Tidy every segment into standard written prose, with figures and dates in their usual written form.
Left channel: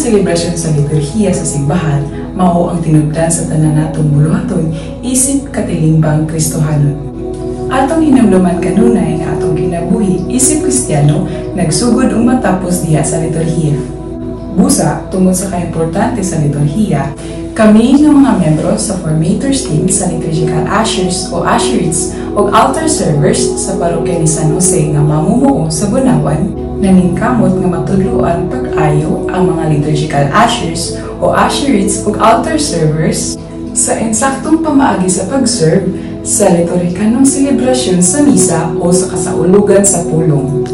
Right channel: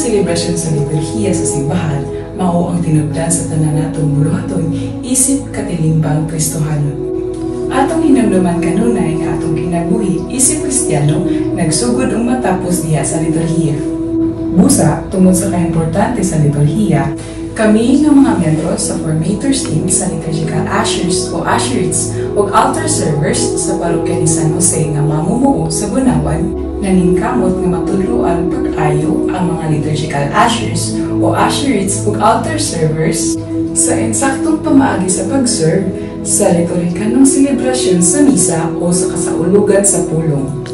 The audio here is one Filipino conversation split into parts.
selebrasyon sa liturhiya sa simbahan mao ang tinubdan sa tanan natong buluhaton isip katilimbang Kristohanon. Atong hinumduman kanunay nga atong kinabuhi isip Kristiyano nagsugod matapos diha sa liturhiya. Busa, tungod sa kaimportante sa liturhiya, kami ng mga membro sa Formators Team sa Liturgical Ushers o Usherites o Altar Servers sa parokya ni San Jose nga mamumuo sa Bunawan, naningkamot nga matudloan pag-ayo ang mga Liturgical Ushers o Usherites o Altar Servers sa insaktong pamaagi sa pag-serve sa liturhikanong selebrasyon sa misa o sa kasaulugan sa pulong.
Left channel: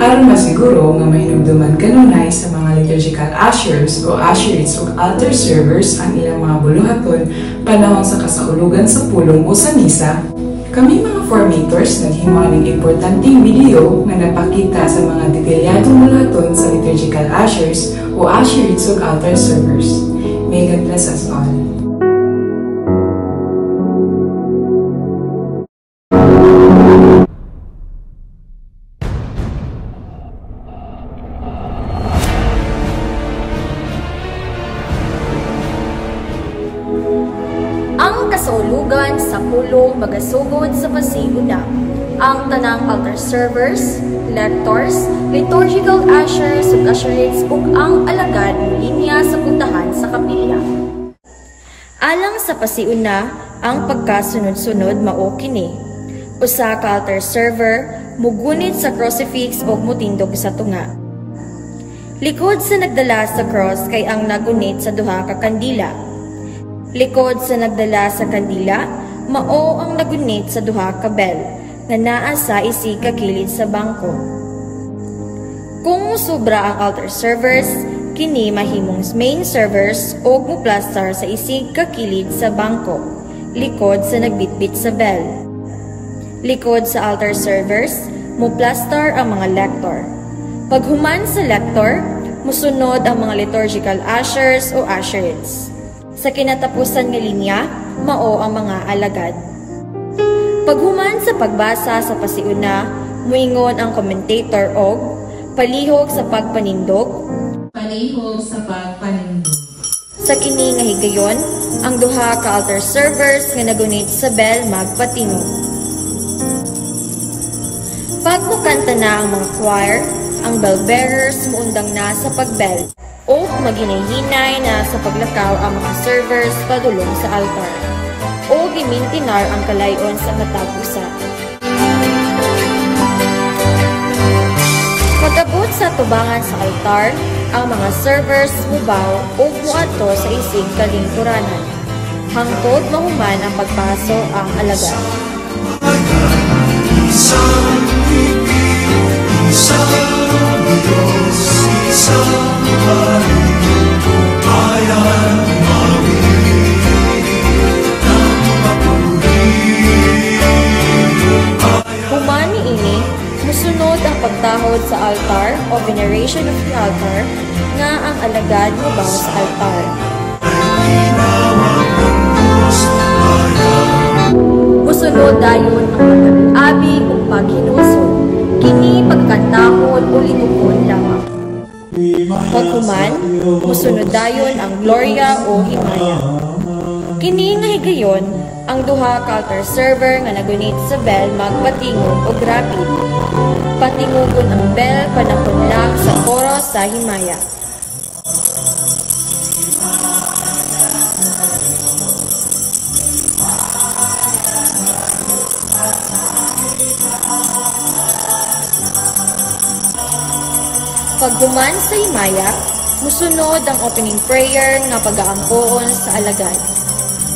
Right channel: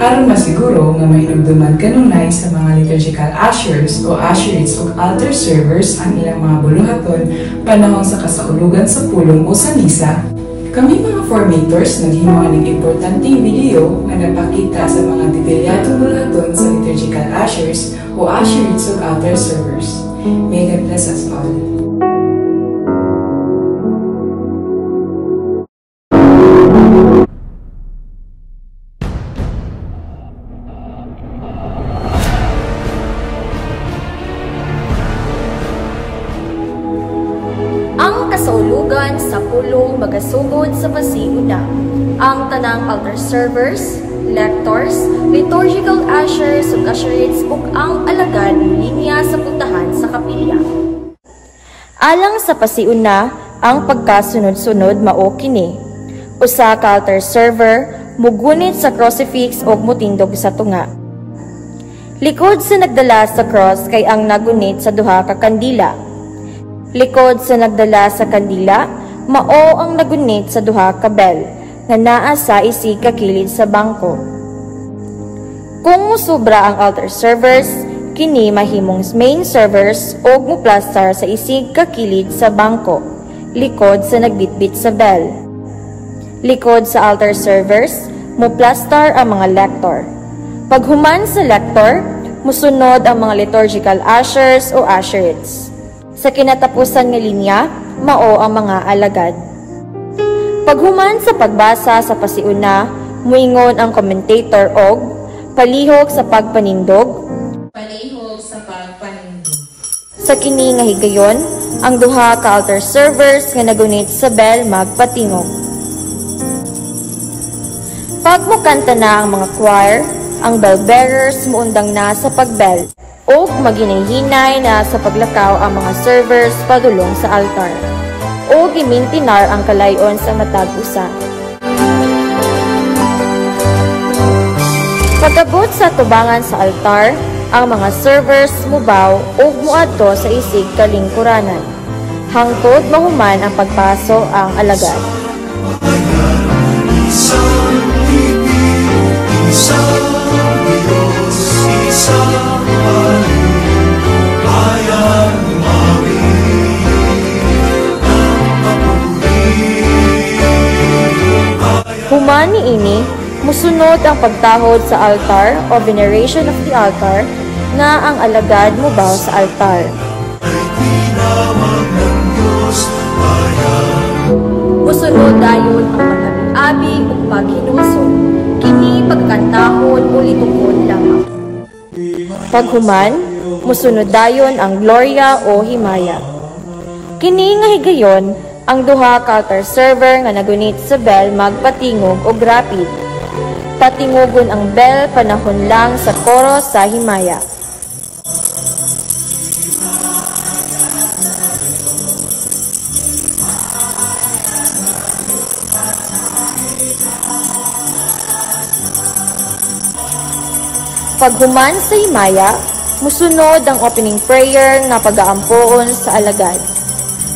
Aron masiguro nga may nagduman kanunay sa mga liturgical ushers o usherites o altar servers ang ilang mga buluhaton panahon sa kasaulugan sa pulong o sa misa, kami mga formators naghimuan ng importanteng video nga napakita sa mga detalyadong buluhaton sa liturgical ushers o usherites o altar servers. May God bless us all. Ang kasaulugan sa pulong magasugod sa pasiuna. Ang tanang altar servers, lectors, liturgical ushers ug usherites ug ang alagad ni linya sa puntahan sa kapilya. Alang sa pasiuna, ang pagkasunod-sunod mao kini. Usa ka altar server mugunit sa crucifix ug mutindog sa tunga. Likod sa nagdala sa cross kay ang nagunit sa duha ka kandila. Likod sa nagdala sa kandila, mao ang nagunit sa duha ka bell, nga naa sa isig ka kilid sa bangko. Kung musubra ang altar servers, kini mahimong main servers o muplastar sa isig ka kilid sa bangko, likod sa nagbitbit sa bell. Likod sa altar servers, muplastar ang mga lector. Paghuman sa lector, musunod ang mga liturgical ushers o usherites. Sa kinatapusan nga linya, mao ang mga alagad. Paghuman sa pagbasa sa pasiuna, muingon ang commentator og palihog sa pagpanindog. Palihog sa pagpanindog. Sa kini nga higayon, ang duha ka altar servers nga nagunit sa bell magpatingog. Pag mukanta na ang mga choir, ang bell bearers muundang na sa pagbell. O maghinay-hinay na sa paglakaw ang mga servers padulong sa altar. O gimintinar ang kalayon sa matag usa. Pagabot sa tubangan sa altar, ang mga servers mubaw o muadto sa isig kalingkuranan. Hangtod mahuman ang pagpaso ang alagad. Humani ini, musunod ang pagtahod sa altar o veneration of the altar nga ang alagad mubaw sa altar. Musunod dayon ang pagkabi-abi o paghinusod. Kini pagkantahon o litukon lamang. Paghuman, musunod dayon ang gloria o himaya. Kini nga higayon, ang duha ka altar server nga nagunit sa bell magpatingog o rapid. Patingogon ang bell panahon lang sa koro sa himaya. Paghuman sa himaya, musunod ang opening prayer na pag-aampoon sa alagad.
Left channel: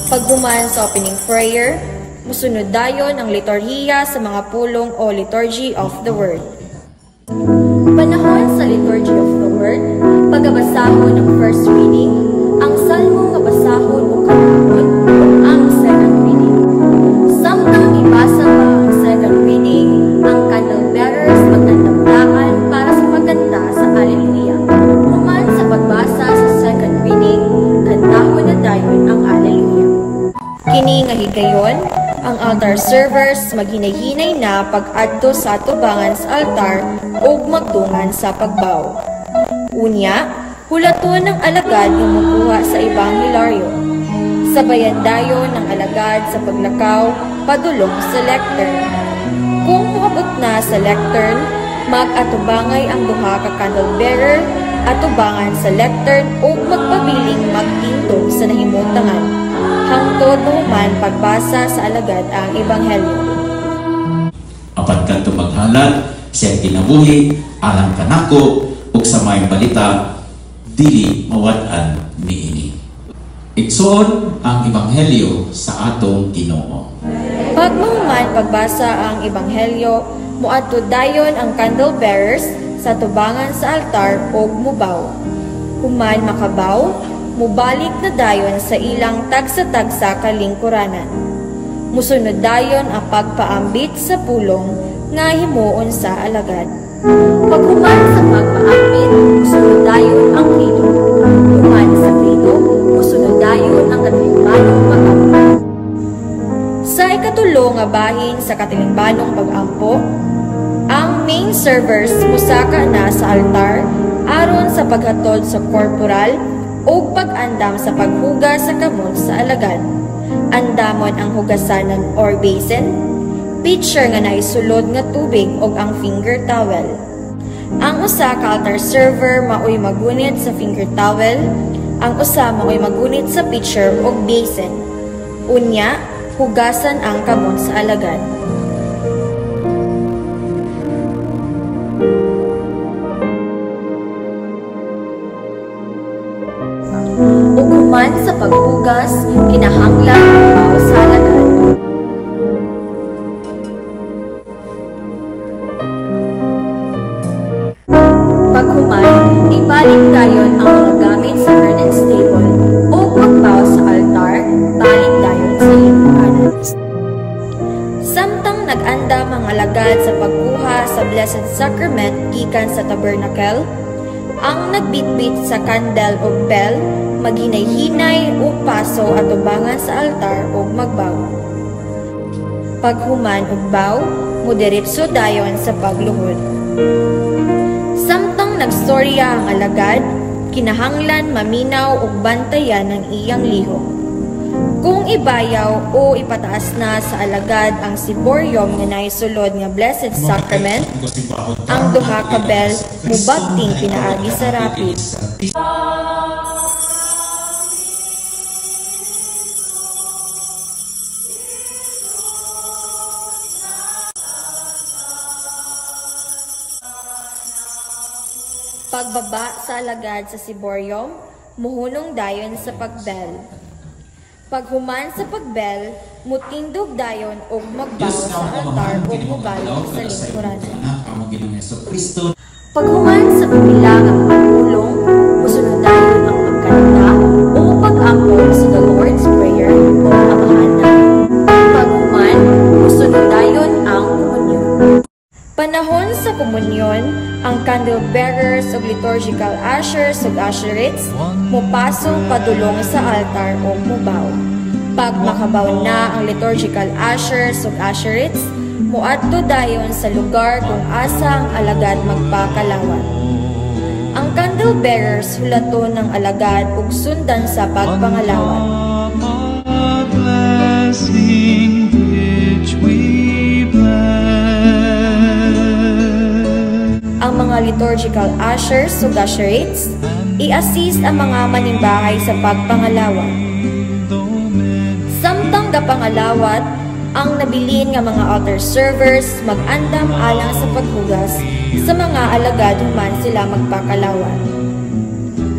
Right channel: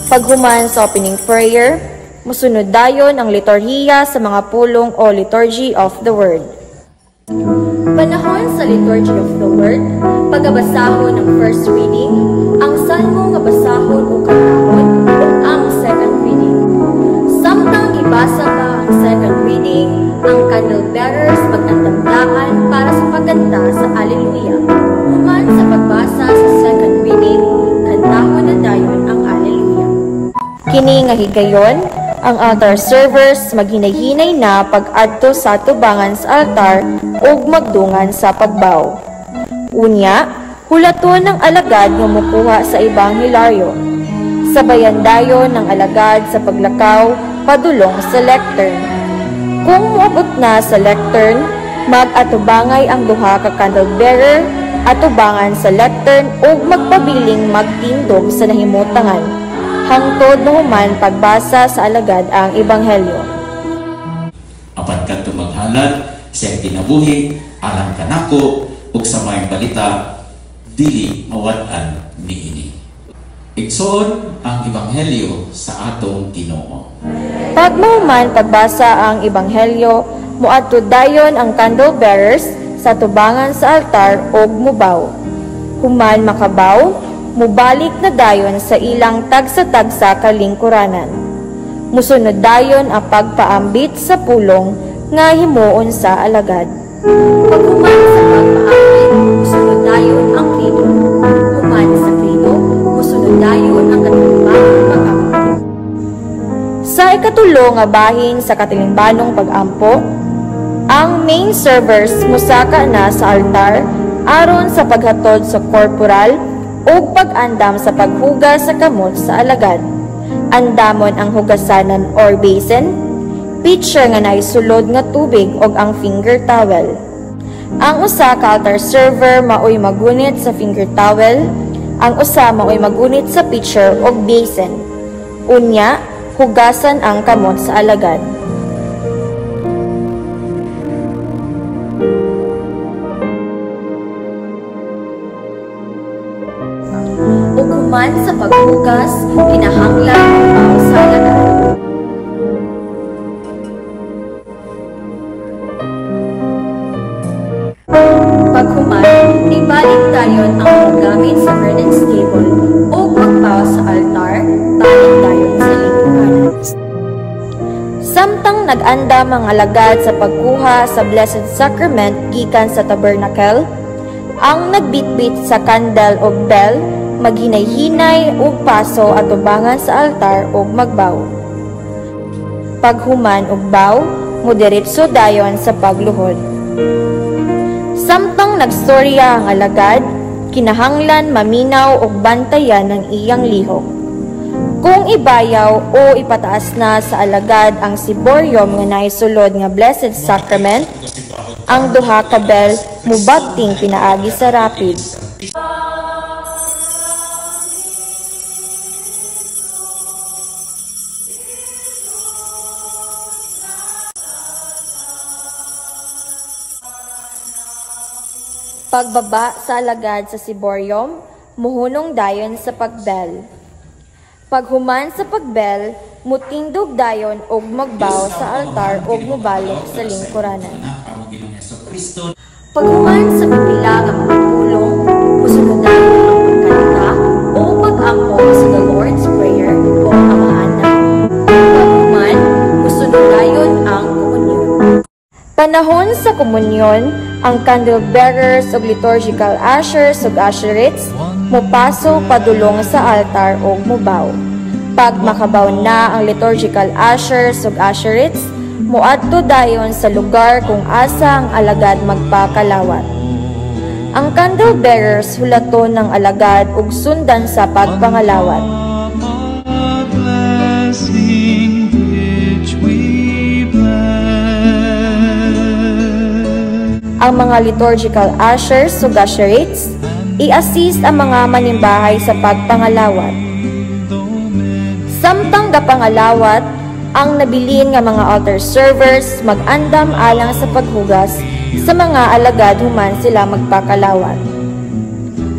Paghuman sa opening prayer, musunod dayon ang liturhiya sa mga pulong o liturgy of the word. Panahon sa liturgy of the word, pagabasahon ng first reading, ang salmo nga basahon o kanahon o ang second reading. Samtang ibasa pa ang second reading, ang candle bearers magtandamdaan para sa pagganta sa Alleluia. Human sa pagbasa sa second reading, kantahon na dayon ang Alleluia. Kini nga higayon, ang altar servers maghinay-hinay na pag-adto sa tubangan sa altar ug magdungan sa pagbaw. Unya, Hulaton ng alagad nga mukuha sa ebanghelaryo. Sabayan dayon ng alagad sa paglakaw padulong sa lectern. Kung muabot na sa lectern, mag-atubangay ang duha ka candle bearer atubangan sa lectern o magpabiling magtindog sa nahimutangan. Hangtod naman pagbasa sa alagad ang ebanghelyo. Apat kanto maghalad siya kinabuhi alang kanako ug sa may balita dili mawad-an niini. Igsoon ang ebanghelyo sa atong Ginoo. Pagmuman pagbasa ang ebanghelyo, muadto dayon ang candle bearers sa tubangan sa altar o mubaw. Human makabaw, mubalik na dayon sa ilang tagsa-tagsa kalingkuranan. Musunod dayon ang pagpaambit sa pulong nga himuon sa alagad. Paghuman sa pagpaambit, musunod dayon ang krido. Human sa krido, musunod dayon ang katimbanong pag-ampo. Sa ikatulo nga bahin sa katimbanong pag-ampo, ang main servers musaka na sa altar aron sa paghatod sa corporal o pag-andam sa paghugas sa kamot sa alagad. Andamon ang hugasanan or basin, pitcher nga naisulod nga tubig o ang finger towel. Ang usa ka altar server maoy magunit sa finger towel, ang usa maoy magunit sa pitcher o basin. Unya, hugasan ang kamot sa alagad. Ug human sa paghugas, kinahanglan ang sa alagad. Paghuman, ibalik dayon ang mga gamit sa curtains table o magbaw sa altar, balik dayon sa lingkuranan. Samtang nag-andam ang alagad sa pagkuha sa Blessed Sacrament gikan sa tabernacle, ang nagbitbit sa candle o bell, maghinay-hinay o paso at ubangan sa altar o magbaw. Paghuman o baw, mudiretso dayon sa pagluhod. Samtang nagstorya ang alagad, kinahanglan maminaw o bantayan ng iyang lihok. Kung ibayaw o ipataas na sa alagad ang siboryom nga naisulod nga Blessed Sacrament, ang duha ka bell mubagting pinaagi sa rapid. Pagbaba sa alagad sa siboryom, muhunong dayon sa pagbell. Paghuman sa pagbell, mutindog dayon og magbaw sa altar o mubalok sa lingkuranan. Paghuman sa pipila nga mga pulong, musunod dayon ang pagkanta o pag-ampo sa the Lord's Prayer o Amahana. Paghuman, musunod dayon ang komunyon. Panahon sa komunyon, ang candle bearers o liturgical ushers o usherettes mupaso padulong sa altar o mubaw. Pag makabaw na ang liturgical ushers o usherettes, muadto dayon sa lugar kung asa ang alagad magpakalawat. Ang candle bearers hulaton ng alagad ug sundan sa pagpangalawat. Ang mga liturgical ushers o usherettes, i-assist ang mga manimbahay sa pagpangalawat. Samtang gapangalawat, ang nabilin nga mga altar servers mag-andam alang sa paghugas sa mga alagad human sila magpakalawat.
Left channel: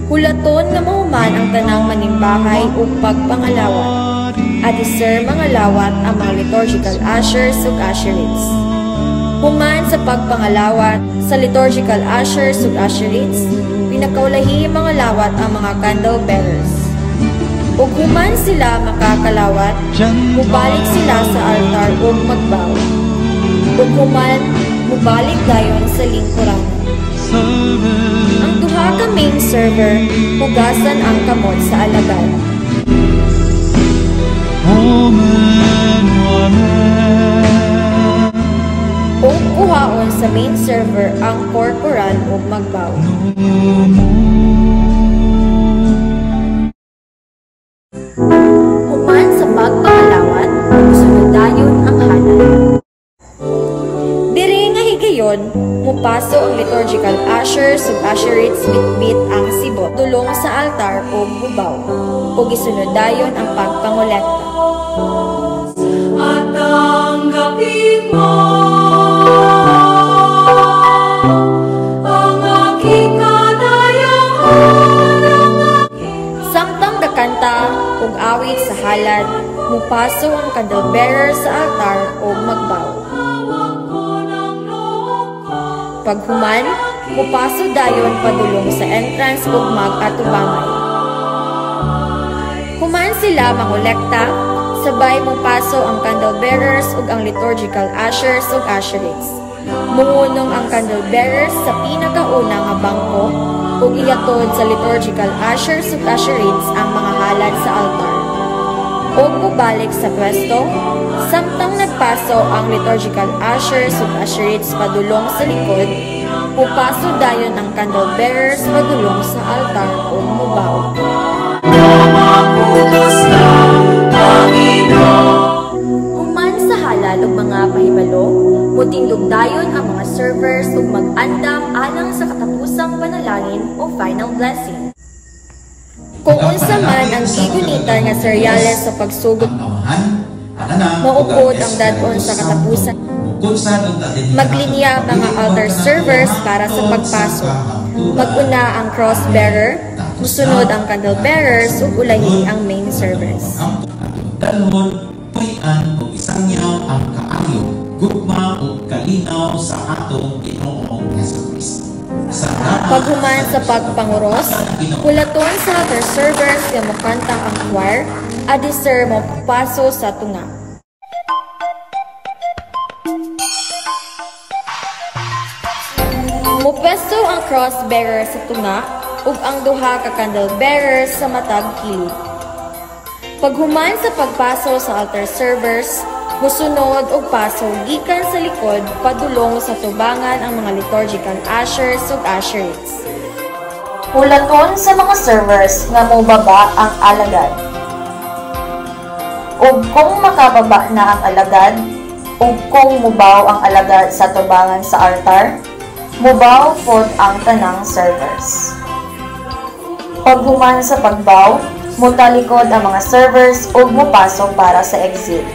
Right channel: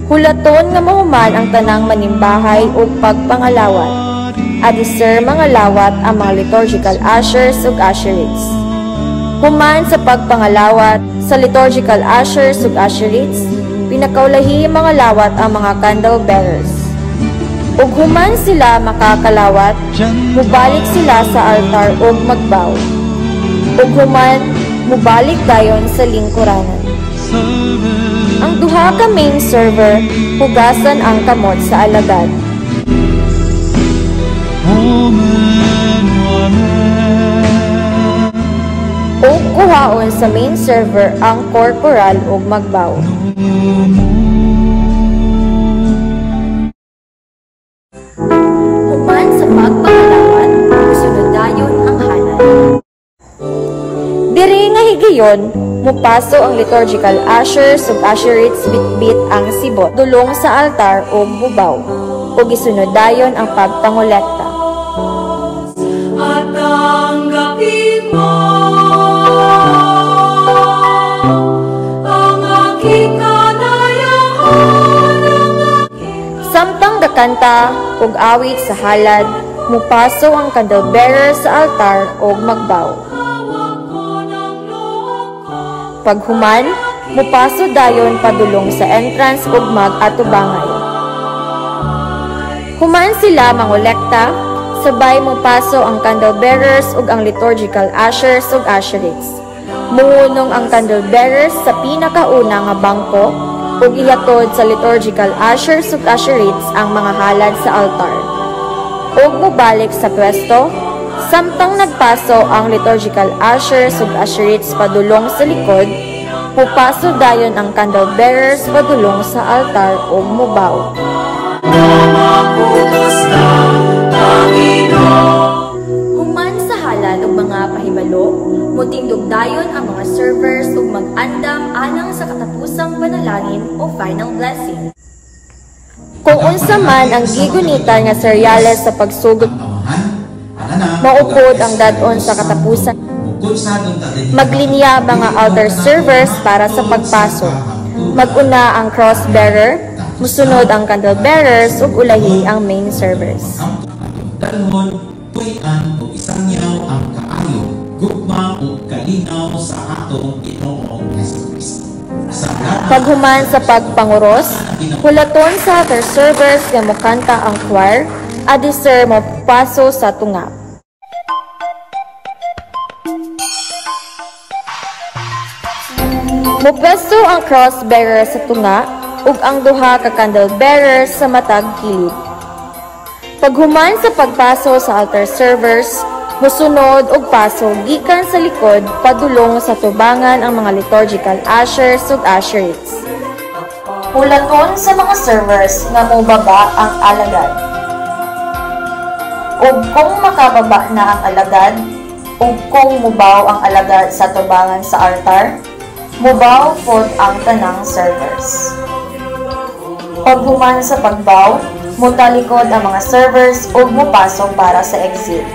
Hulaton nga mahuman ang tanang manimbahay o pagpangalawat, at isir mga lawat ang mga liturgical ushers o usherettes. Human sa pagpangalawat, sa liturgical ushers ug usherettes, pinakaulahi mga lawat ang mga candle bearers. Ug human sila makakalawat, mubalik sila sa altar ug magbaw. Ug human, mubalik dayon sa lingkuranan. Ang duha ka main server, hugasan ang kamot sa alagad. O kuhaon sa main server ang corporal o magbaw. Human sa pagpangalawat, musunod dayon ang halal. Diri nga higayon, mupaso ang liturgical ushers ug usherettes bitbit ang sibot dulong sa altar o gubaw, ug isunod dayon ang pagpangolekta. At tanggapin mo ang aking kadayahan, Samtang dakanta ug awit sa halad, mupaso ang candlebearer sa altar o magbaw. Paghuman, mupaso dayon padulong sa entrance ug mag-atubangan. Human sila mangolekta, sabay mupaso ang candlebearers ug ang liturgical ushers ug usherettes. Muunong ang candlebearers sa pinakauna nga bangko ug ihatod sa liturgical ushers ug usherettes ang mga halad sa altar. Ug mubalik sa pwesto, samtang nagpaso ang liturgical ushers ug usherettes padulong sa likod, mupaso dayon ang candlebearers padulong sa altar ug mubaw. Human sa halal ug mga pahibalo, mutindog dayon ang mga servers ug mag-andam alang sa katapusang panalangin o final blessing. Kung unsa man ang gigunita nga seryales sa pagsugod, maupod ang dadon sa katapusan. Maglinya mga altar servers para sa pagpasok. Maguna ang cross-bearer, musunod ang candlebearers ug ulahi ang main service. Dalhon, puy-an o isangyaw ang kaayo, gugma o kalinaw sa atong Ginoong Jesucristo. Paghuman sa pagpanguros, hulaton sa altar servers nga mokanta ang choir, adisir mapaso sa tunga. Mupwesto ang cross-bearer sa tunga ug ang duha ka candlebearers sa matag kilid. Paghuman sa pagpaso sa altar servers, musunod og paso gikan sa likod padulong sa tubangan ang mga liturgical ushers ug usherettes. Hulaton sa mga servers nga mobaba ang alagad. Ug kung makababa na ang alagad, ug kung mubaw ang alagad sa tubangan sa altar, mubaw pod ang tanang servers. Paghuman sa pagbaw, mutalikod ang mga servers ug mupasok para sa exit.